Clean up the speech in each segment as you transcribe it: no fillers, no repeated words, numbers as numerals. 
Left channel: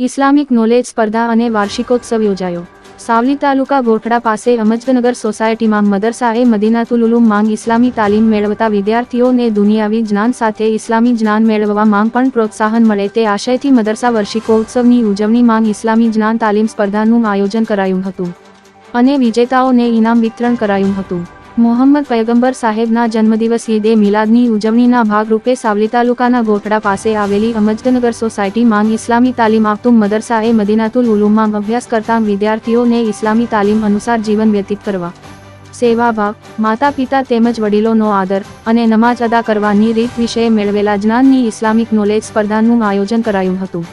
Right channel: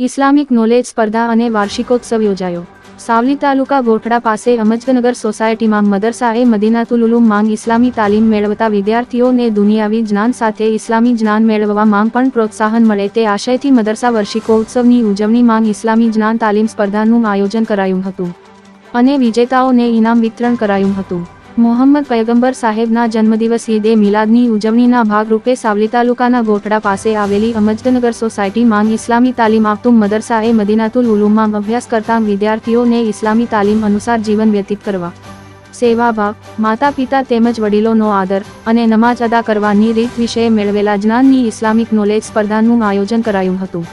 Islamic knowledge સ્પર્ધા અને વાર્ષિકોત્સવ યોજાયો. સાવલી તાલુકા ગોઠડા પાસે અમજદનગર સોસાયટીમાં મદરસા-એ મદીનાતુલ ઉલુમ માંગ ઇસ્લામી તાલીમ મેળવતા વિદ્યાર્થીઓને દુનિયાવી જ્ઞાન સાથે ઇસ્લામી જ્ઞાન મેળવવા માંગ પણ પ્રોત્સાહન મળે તે આશયથી મદરસા વાર્ષિકોત્સવની ઉજવણી માંગ ઇસ્લામી જ્ઞાન તાલીમ સ્પર્ધાનું આયોજન કરાયું હતું અને વિજેતાઓને ઇનામ વિતરણ કરાયું હતું. મોહમ્મદ પયગંબર સાહેબના જન્મદિવસ ઈદે મિલાદની ઉજવણીના ભાગરૂપે સાવલી તાલુકાના ગોઠડા પાસે આવેલી અમજદનગર સોસાયટી માંગ ઇસ્લામી તાલીમ આપતું મદરસા-એ મદીનાતુલ ઉલુમમાં અભ્યાસ કરતા વિદ્યાર્થીઓને ઇસ્લામી તાલીમ અનુસાર જીવન વ્યતીત કરવા, સેવાભાવ, માતા પિતા તેમજ વડીલોનો આદર અને નમાજ અદા કરવાની રીત વિશે મેળવેલા જ્ઞાનની ઇસ્લામિક નોલેજ સ્પર્ધાનું આયોજન કરાયું હતું,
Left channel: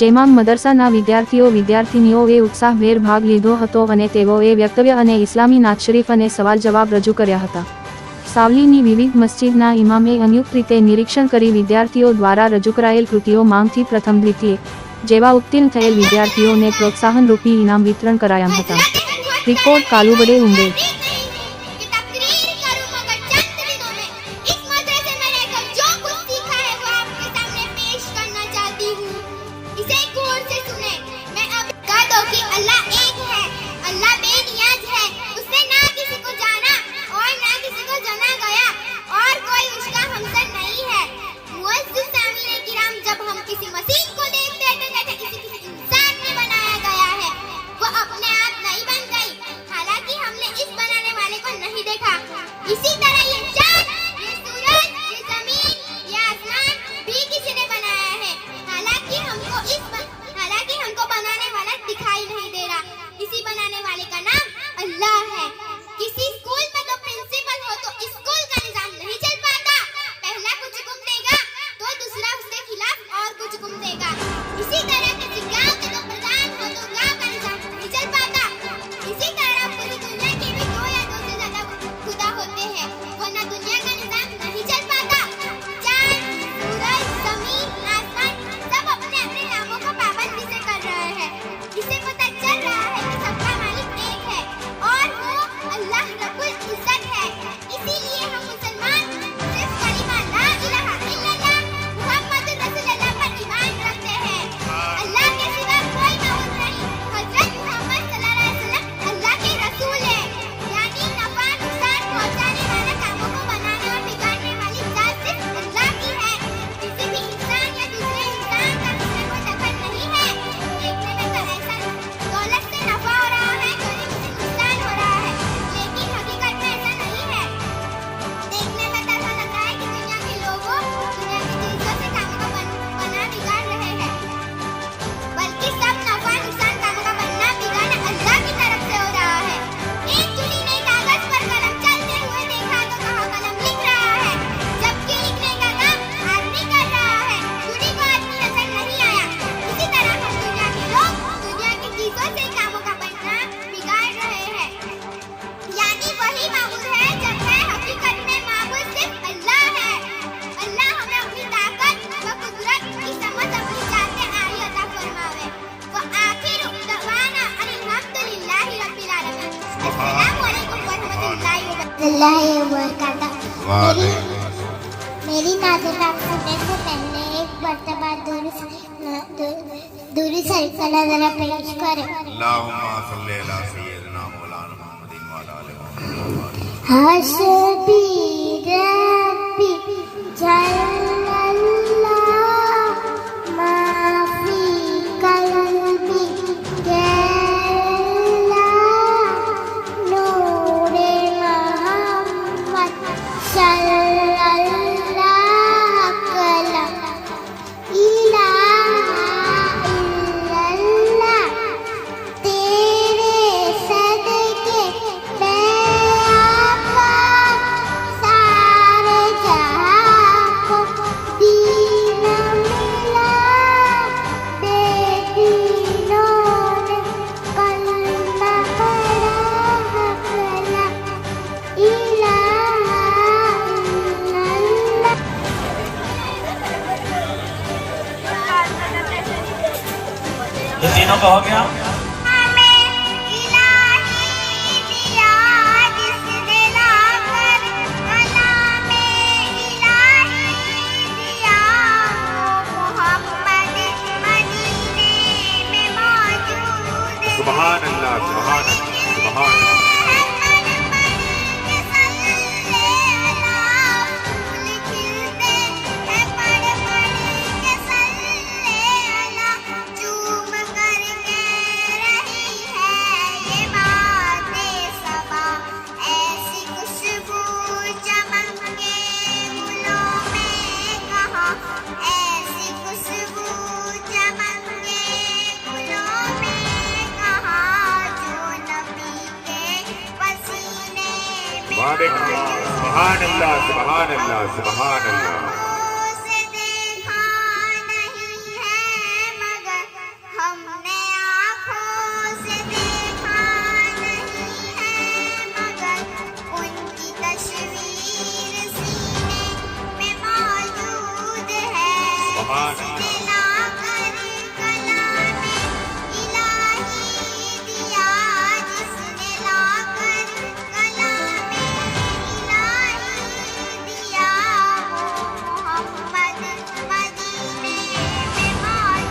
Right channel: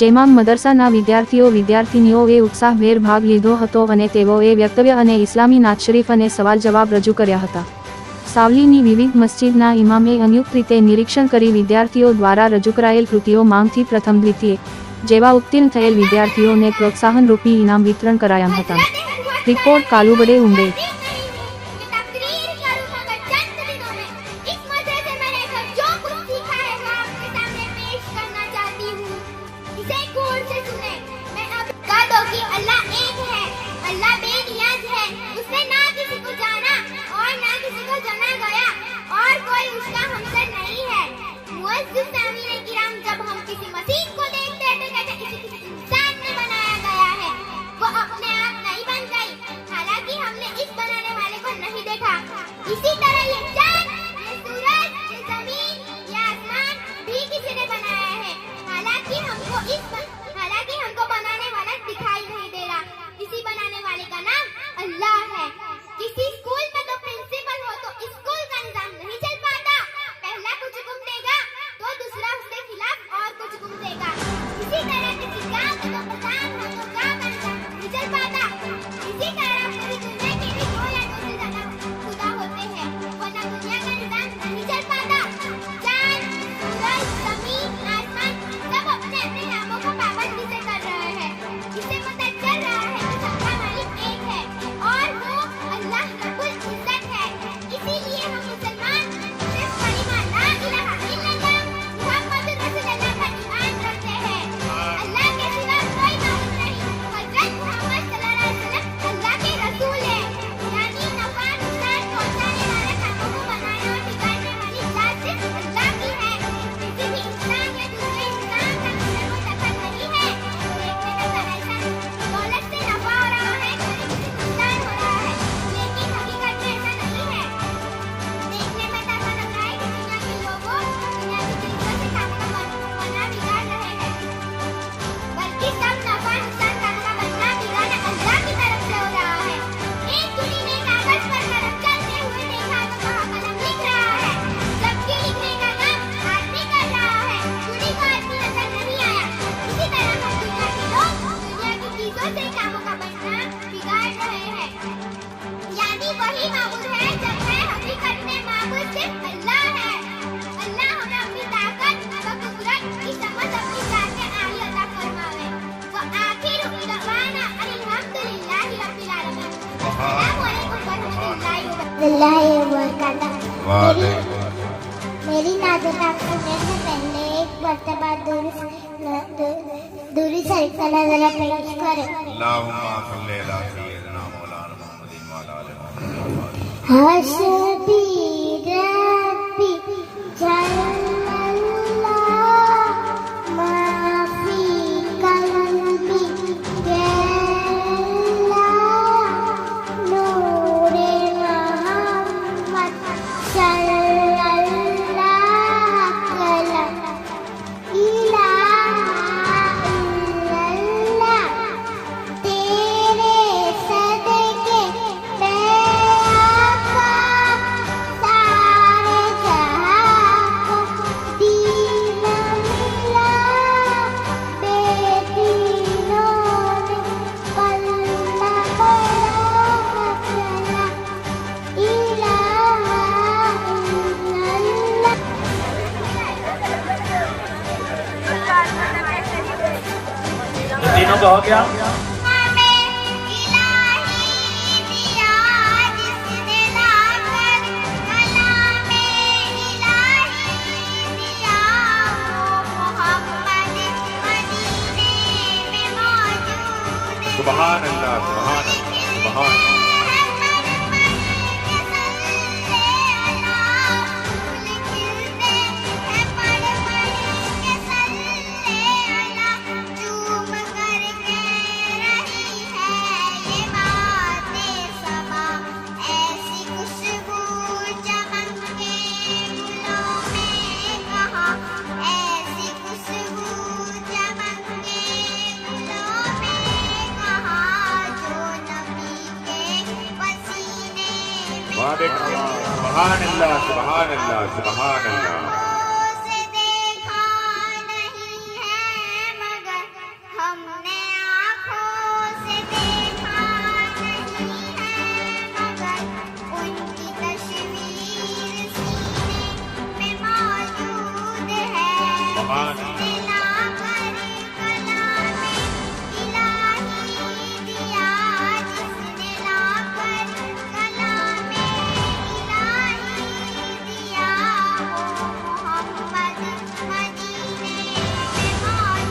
જેમાં મદરસાના વિદ્યાર્થીનીઓએ ઉત્સાહભેર ભાગ લીધો હતો અને તેઓએ વક્તવ્ય અને ઇસ્લામી નાત શરીફ અને સવાલ જવાબ રજૂ કર્યા હતા. સાવલીની વિવિધ મસ્જિદના ઇમામે સંયુક્ત રીતે નિરીક્ષણ કરી વિદ્યાર્થીઓ દ્વારા રજૂ કરાયેલ કૃતિઓ માંગથી પ્રથમ દ્વિતીય જેવા ઉત્તીર્ણ થયેલ વિદ્યાર્થીઓને પ્રોત્સાહનરૂપી ઇનામ વિતરણ કરાયા હતા. રિપોર્ટ કાલુબડે ઉંબે. इसी तरह ये चांद, ये सूरज, ये जमीन, ये आसमान भी किसी ने बनाया है। हालांकि हमको बनाने वाला दिखाई नहीं दे रहा। इसी बनाने वाले का नाम अल्लाह है। किसी स्कूल में तो प्रिंसिपल हो तो स्कूल का निजाम नहीं चल पाता। पहला कुछ हुक्म देगा तो दूसरा उसके खिलाफ और कुछ हुक्म देगा। इसी तरह किसी गांव के तो प्रधान हो तो गांव का निजाम नहीं चल पाता। इसी तरह पूरी दुनिया के भी 2 या 2 से ज्यादा खुदा होते हैं, वरना दुनिया का निजाम नहीं चल पाता। चांद, सूरज, जमीन, आसमान सब अपने अपने नामों को पाबंदी से कर रहे हैं। इसे पता चल रहा है कि सबका मालिक एक है और वो अल्लाह रब्बुल इज्जत है। इसीलिए हम मुसलमान सिर्फ कलिमा ला इलाहा इल्लल्लाह मुहम्मद रसूलुल्लाह पर ईमान रखते हैं। अल्लाह के सिवा कोई माबूद नहीं। हजरत मोहम्मद सल्लल्लाहु अलैहि वसल्लम अल्लाह के रसूल हैं, यानी नफा नुकसान पहुंचाने वाला कानून बनाने और बिगाड़ने वाली जात सिर्फ अल्लाह की है। किसी भी इंसान या दूसरे इंसान का दूसरे को दखल नहीं है। देखने में तो ऐसा दौलत से नफा हो रहा है, चोरी से नुकसान हो रहा है, लेकिन हकीकत में ऐसा नहीं है। देखने में तो ऐसा लग रहा है कि दुनिया के लोगों दुनिया की चीजों से काम का बना बिगाड़ रहे हैं, बल्कि सब नफा नुकसान का बनना बिगाड़ अल्लाह की तरफ से हो रहा है। एक चुनी ने कागज पर कलम चलते हुए देखा तो वहाँ कलम लिख रहा है, जबकि लिखने का काम आदमी कर रहा है। चुनी को आदमी नजर नहीं आया। इसी तरह हम दुनिया के लोग दुनिया की चीजों से कामों का बनना बिगाड़ रहे हैं, यानी वही माबूद है जबकि हकीकत में माबूद सिर्फ अल्लाह है। अल्लाह हमें अपनी ताकत व कुदरत की समझ अपनी जात से आही अता फरमावे। व आखिर दवाना अल्हम्दुलिल्लाहि रब्बिल आलमीन। अस्सलामु अलैकुम व रहमतुल्लाहि व बरकातहू। मेरी नाज़त आपसे से पहले एक मर्तबा दूरी सल्ला जरा पेश करें। अल्लाहुम्मा सल्ली अला सय्यिदिना मौलाना मुहम्मदिन व अला आलिहि व सल्लम। हस्बी रब्बी जल्लल्लाह मा फी कल्बी गल्लाह नूरे मोहम्मद सल्लल्लाह कलम इलाहा इल्लल्लाह तेरे सदके आका सारे जहां को दीन मिला बेदीनों ने कलमा पढ़ा इलाहा इल्लल्लाह। तीनों का हो गया। सुभान अल्लाह सुभान अल्लाह सुभान सुभान अल्लाह सुभान अल्लाह सुभान अल्लाह से देखा नहीं है मगर हमने आँखों से देखा नहीं है मगर उनकी तस्वीर सीने में मौजूद है जिसने लाकर कलामे इलाही दिया जिसने लाकर कलामे इलाही दिया वो मोहम्मद मदीने में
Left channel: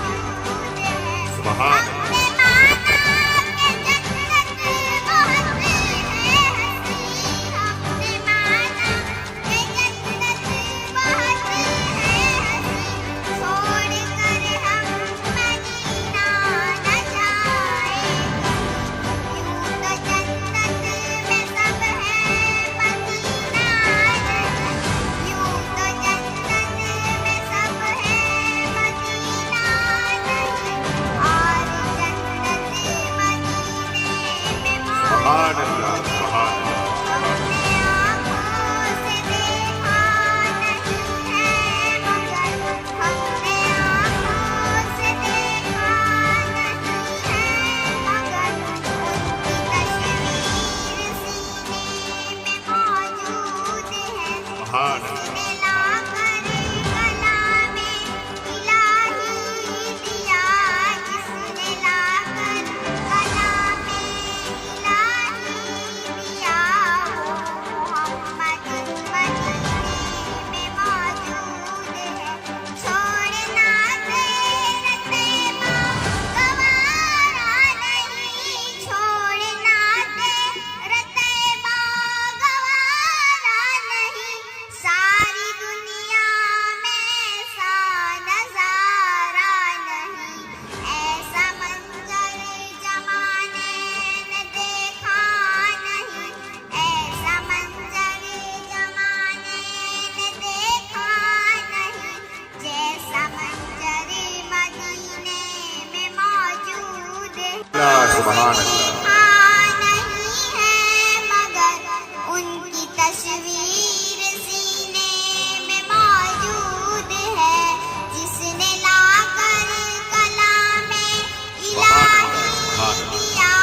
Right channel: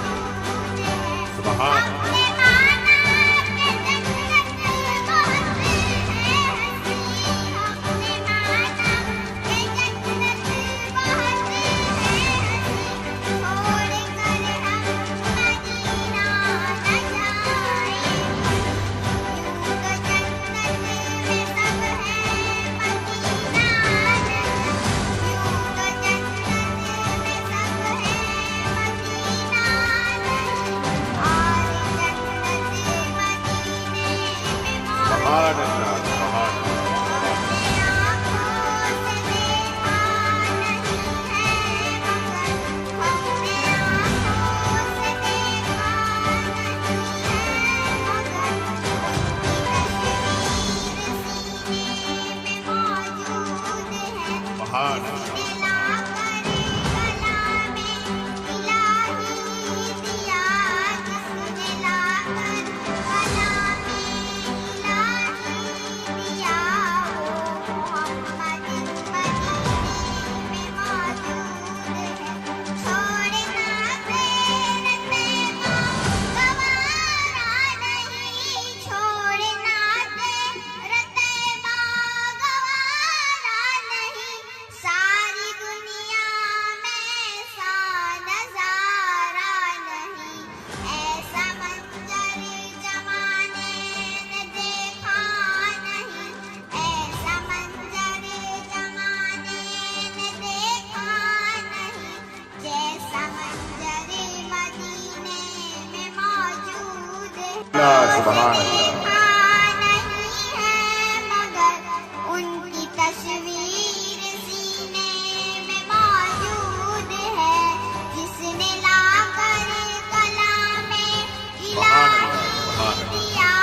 मौजूद है सुभान हमने माना कि जन्नत बहुत है हंसी हमने माना कि जन्नत बहुत है हंसी छोड़ कर हम मदीना न जाए यूं तो जन्नत में सब है मदीना नहीं यूं तो जन्नत में सब है मदीना नहीं और जन्नत मदीने में सुभान अल्लाह सुभान हमने आँखों से देखा नहीं है मगर हमने आँखों से देखा नहीं है मगर उनकी तस्वीर सीने में मौजूद है सुभान अल्लाह जिसने लाकर कलामे इलाही दिया जिसने लाकर कलामे इलाही दिया वो मोहम्मद मदीने में मौजूद है छोड़ना तेरे तेमा गवारा नहीं छोड़ना तेरे तेमा गवारा नहीं सारी दुनिया में सा नजारा नहीं ऐसा मंजर जमाने ने देखा नहीं ऐसा मंजर जमाने ने देखा नहीं जैसा मंजर मदीने में मौजूद है सुभान अल्लाह देखा नहीं है मगर उनकी तस्वीर सीने में मौजूद है जिसने लाकर कलामे इलाही दिया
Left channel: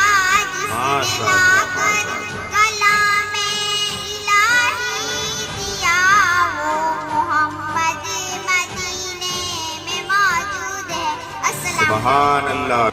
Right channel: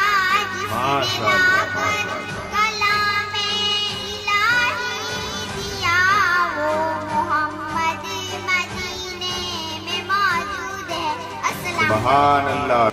जिसने लाकर कलामे इलाही दिया वो मोहम्मद मदीने में मौजूद है अस्सलाम सुभान अल्लाह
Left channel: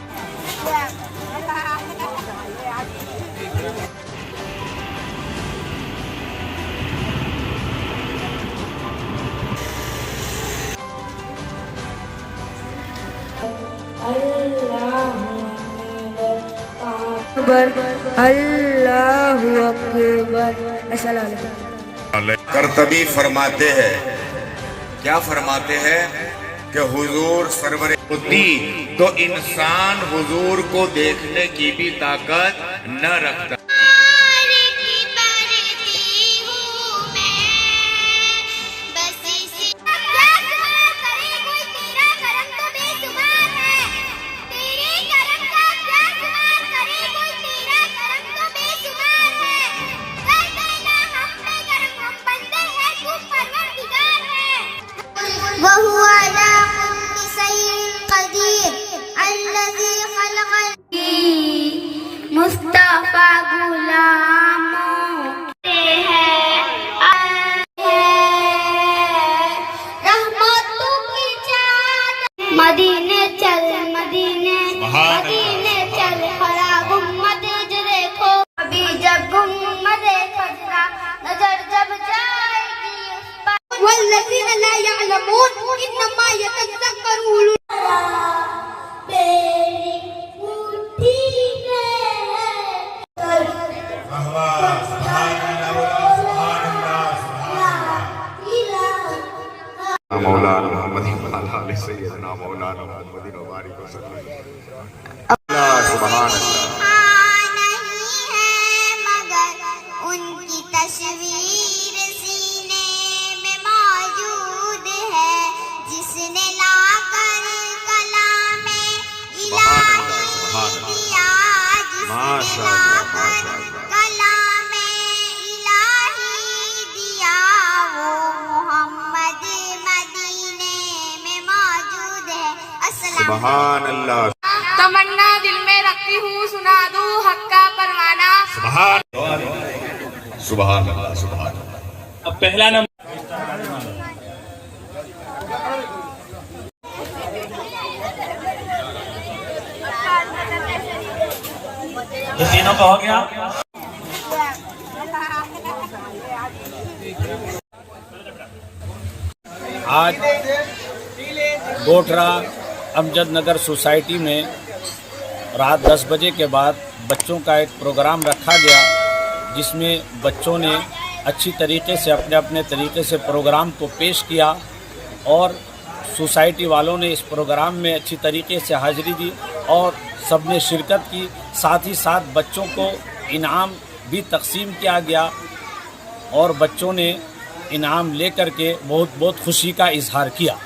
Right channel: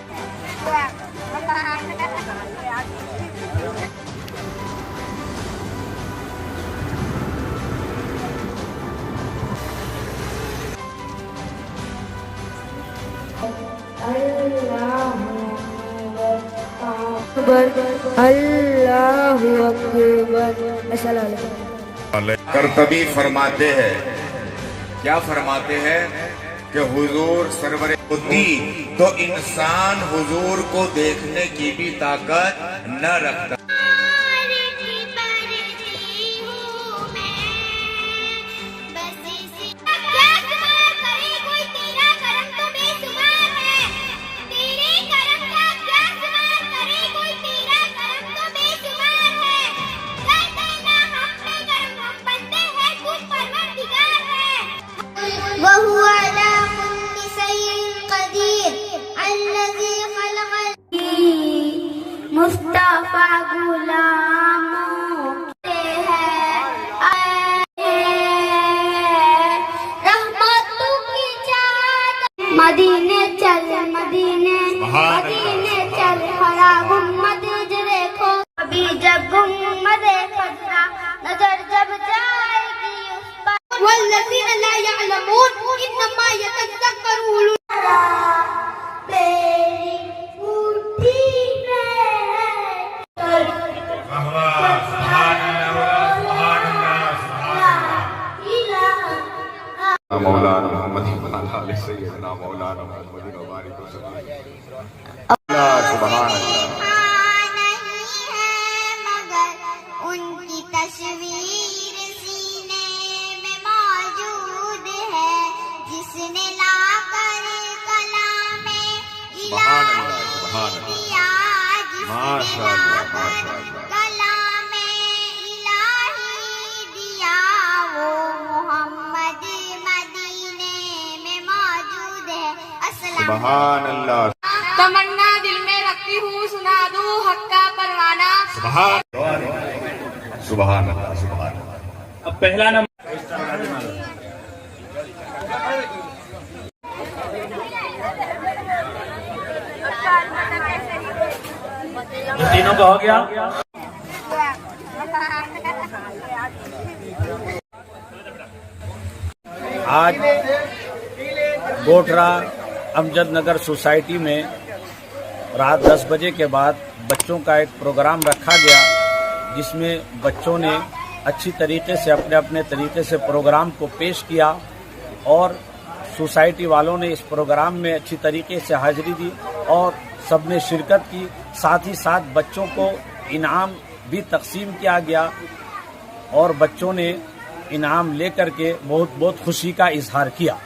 अल्लाहु अकबर। अस्सलाम करतबी फरमाते हैं क्या फरमाते हैं कि हुजूर सरवर होती तो इंसान हुजूर को देखने की भी ताकत न रखता की करती हूँ मैं बस इसी क्या सुना करे कोई तेरा करम तो बेसुमार है तेरे करम का क्या सुना करे कोई तेरा करम तो बेसुमार है कर देना हम पे करम हम बंदे हैं तू परवरदिगार है वहु अला कुल्ली शैइन कदीर अल्लज़ी खलक़ल मुस्तफा सुभान नहीं है मगर उनकी तस्वीर सीने में मौजूद है, जिसने लाकर कलाम इलाही दिया, जिसने लाकर कलाम इलाही दिया, वो मोहम्मद मदीने में मौजूद है। अस्सलाम। सुभान अल्लाह। तमन्ना दिल में रखती हूँ, सुना दूँ हक का परवाना। सुभान सुभान अल्लाह सुभान। अब पहला नंबर ये तीनों का हो गया। आज गोठरा अमजद नगर सोसाइटी में रात 10 बजे के बाद बच्चों का एक प्रोग्राम रखा गया, जिसमें बच्चों ने अच्छी तरीके से अपने अपने तरीके से प्रोग्राम को पेश किया और सोसाइटी वालों ने इस प्रोग्राम में अच्छी तरीके से हाजिरी दी और सबने शिरकत की। साथ ही साथ बच्चों को इनाम भी तकसीम किया गया और बच्चों ने इनाम लेकर के बहुत बहुत खुशी का इजहार किया।